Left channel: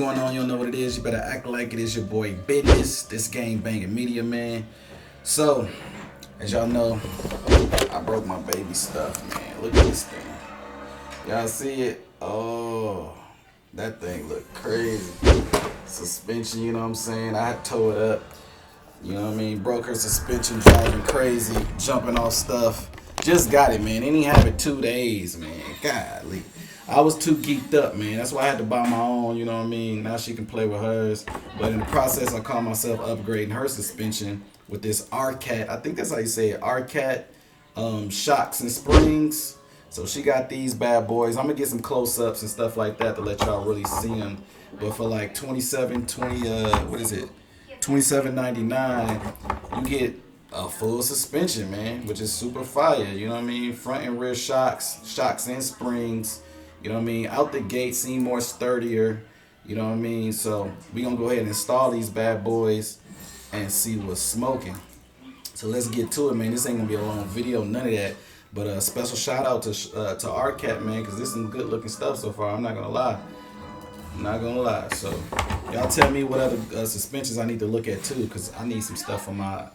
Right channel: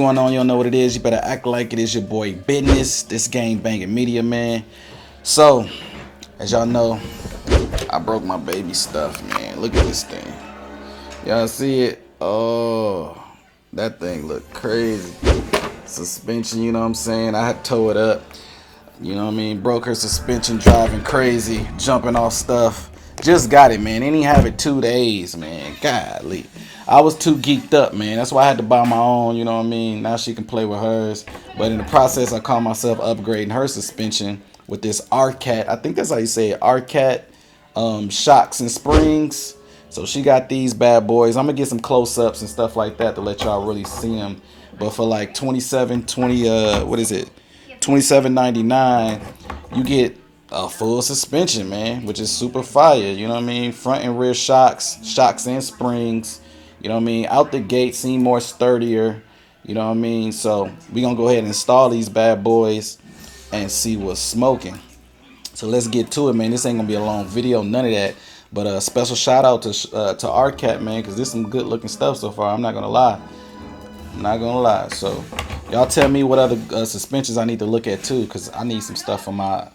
going on? You don't know what it is. You better act like it is your boy Business. This game banging media, man. So, as y'all know, I broke my baby stuff, man. Look at this thing. Y'all see it? Oh, that thing look crazy. Suspension, you know what I'm saying? I had to tow it up. You know what I mean? Broke her suspension, driving crazy, jumping off stuff. Just got it, man. Didn't even have it 2 days, man. Golly. I was too geeked up, man. That's why I had to buy my own, you know what I mean? Now she can play with hers. But in the process, I caught myself upgrading her suspension with this Arrma. I think that's how you say it. Arrma shocks and springs. So she got these bad boys. I'm going to get some close-ups and stuff like that to let y'all really see them. But for like 27.99, you get a full suspension, man, which is super fire. You know what I mean? Front and rear shocks and springs. You know what I mean? Out the gate, seem more sturdier. You know what I mean? So we gonna go ahead and install these bad boys and see what's smoking. So let's get to it, man. This ain't gonna be a long video, none of that. But a special shout out to Arrma, man, because this is some good looking stuff so far. I'm not gonna lie. So y'all tell me what other suspensions I need to look at too, because I need some stuff for my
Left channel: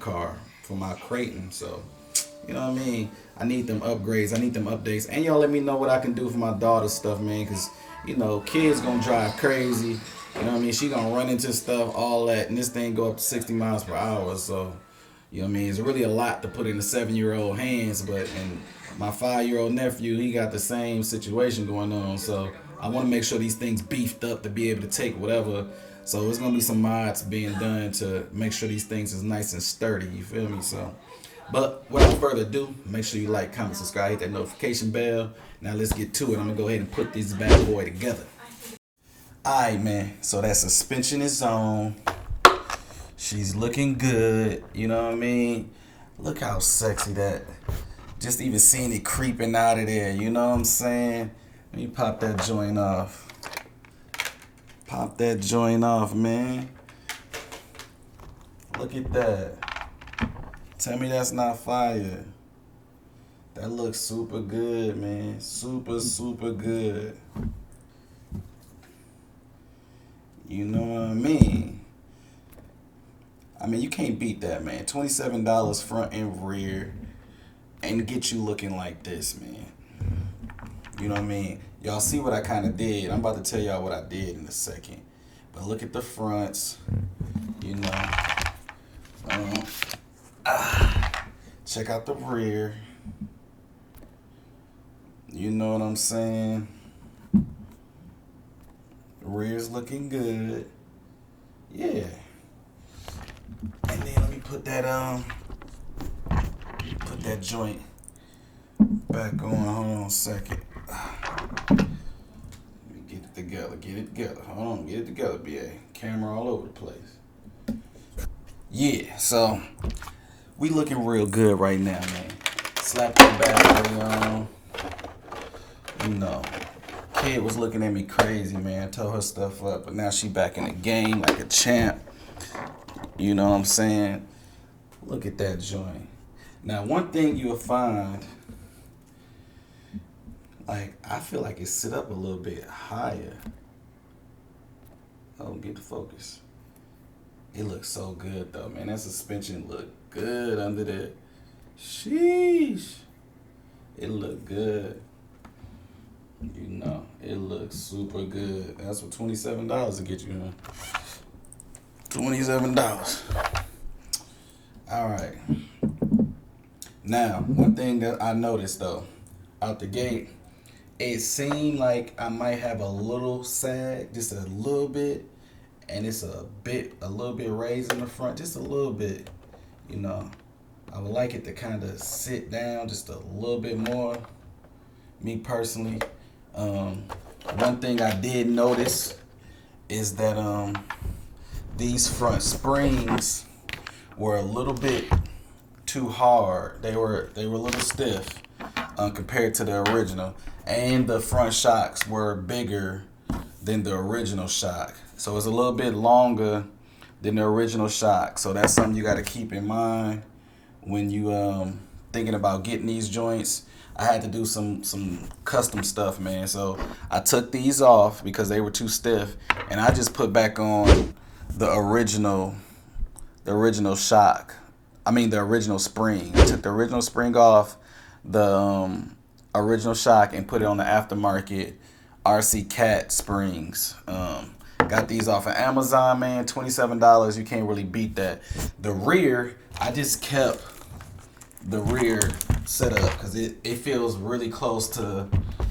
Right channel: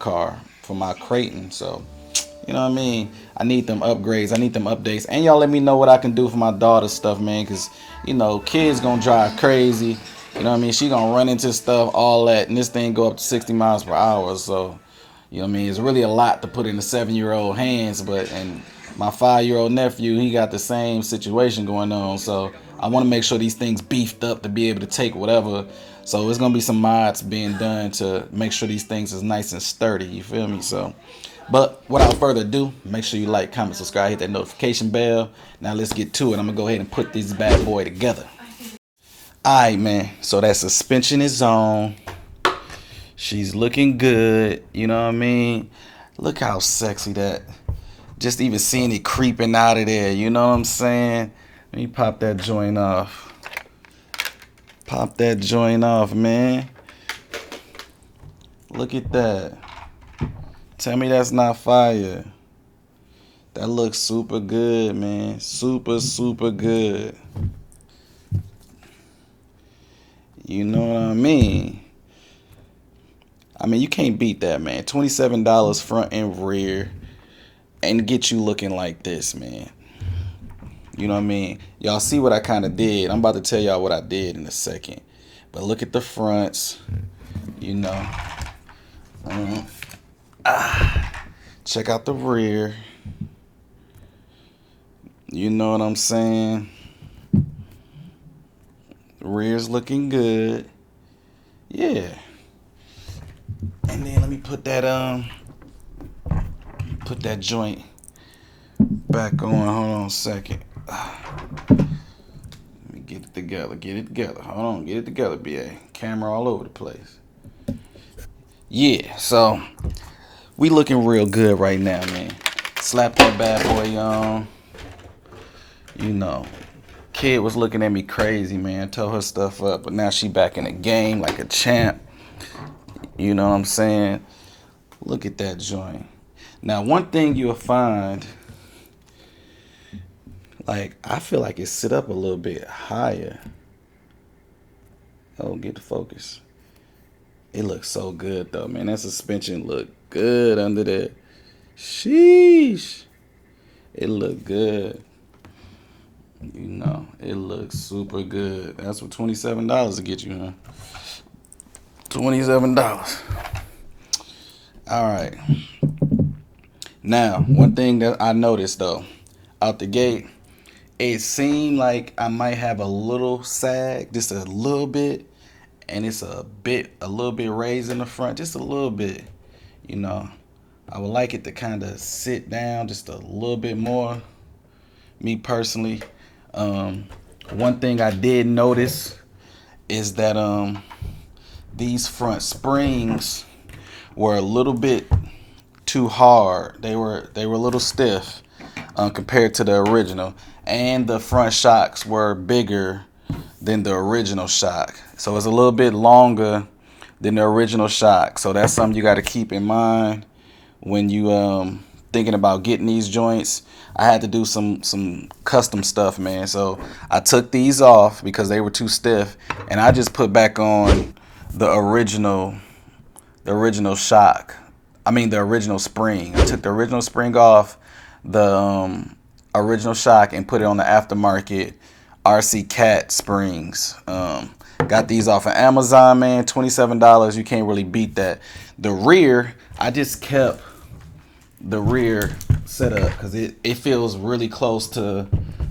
car, for my Creighton. So you know what I mean? I need them upgrades. I need them updates. And y'all let me know what I can do for my daughter's stuff, man, because you know, kids gonna drive crazy. You know what I mean? She gonna run into stuff, all that, and this thing go up to 60 miles per hour. So you know what I mean? It's really a lot to put in a 7-year-old hands, and my 5-year-old nephew, he got the same situation going on. So I want to make sure these things beefed up to be able to take whatever. So it's going to be some mods being done to make sure these things is nice and sturdy. You feel me? So, but without further ado, make sure you like, comment, subscribe, hit that notification bell. Now let's get to it. I'm going to go ahead and put this bad boy together. All right, man. So that suspension is on. She's looking good. You know what I mean? Look how sexy that. Just even seeing it creeping out of there. You know what I'm saying? Let me pop that joint off. Pop that joint off, man. Look at that. Tell me that's not fire. That looks super good, man. Super, super good. You know what I mean? I mean, you can't beat that, man. $27 front and rear. And get you looking like this, man. You know what I mean? Y'all see what I kind of did. I'm about to tell y'all what I did in a second. But look at the fronts. You know. Check out the rear. You know what I'm saying? The rear's looking good. Yeah. And then let me put that joint back on. Hold on a second. Let me get it together. Hold on, get it together, BA. Camera all over the place. Yeah, so we looking real good right now, man. Slap that bad boy on. You know, kid was looking at me crazy, man. Tore her stuff up, but now she back in the game like a champ. You know what I'm saying? Look at that joint. Now, one thing you'll find, like, I feel like it sit up a little bit higher. Oh, get the focus. It looks so good, though, man. That suspension look good under there. Sheesh. It look good. You know, it looks super good. That's what $27 to get you, huh? $27. All right. Now, one thing that I noticed, though, out the gate, it seemed like I might have a little sag, just a little bit, and it's a little bit raised in the front, just a little bit. You know, I would like it to kind of sit down just a little bit more, me personally. One thing I did notice is that these front springs were a little bit too hard. They were a little stiff compared to the original, and the front shocks were bigger than the original shock. So it's a little bit longer than the original shock. So that's something you got to keep in mind when you thinking about getting these joints, I had to do some custom stuff, man. So I took these off because they were too stiff, and I just put back on the original shock. I mean the original spring. I took the original spring off the original shock and put it on the aftermarket RC Cat springs. Got these off of Amazon, man. $27. You can't really beat that. The rear, I just kept the rear set up because it feels really close to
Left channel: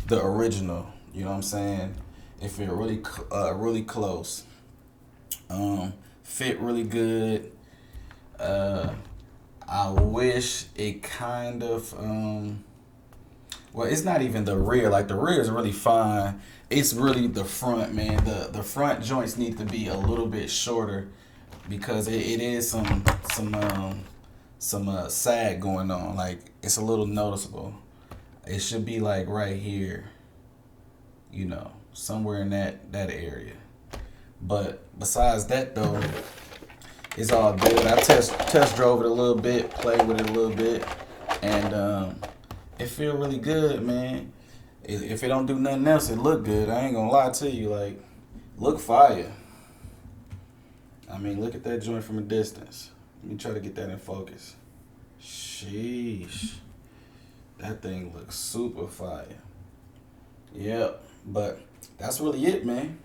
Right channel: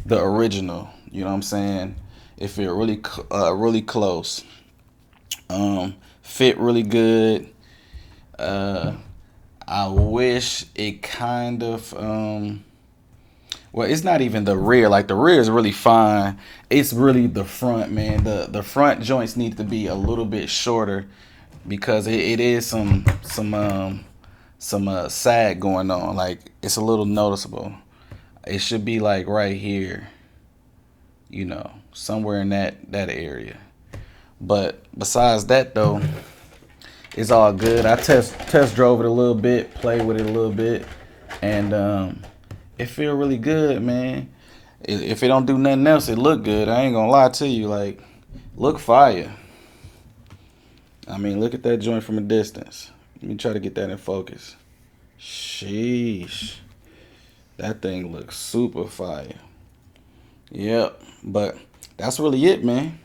the original. You know what I'm saying? It feels really close. Fit really good. I wish it kind of well, it's not even the rear. Like the rear is really fine. It's really the front, man. The front joints need to be a little bit shorter because it is some sag going on. Like it's a little noticeable. It should be like right here, somewhere in that area. But besides that though, it's all good. I test drove it a little bit, played with it a little bit, and it feel really good, man. If it don't do nothing else, it look good. I ain't gonna lie to you, like, look fire. I mean, look at that joint from a distance. Let me try to get that in focus. Sheesh. That thing looks super fire. Yep, but that's really it, man.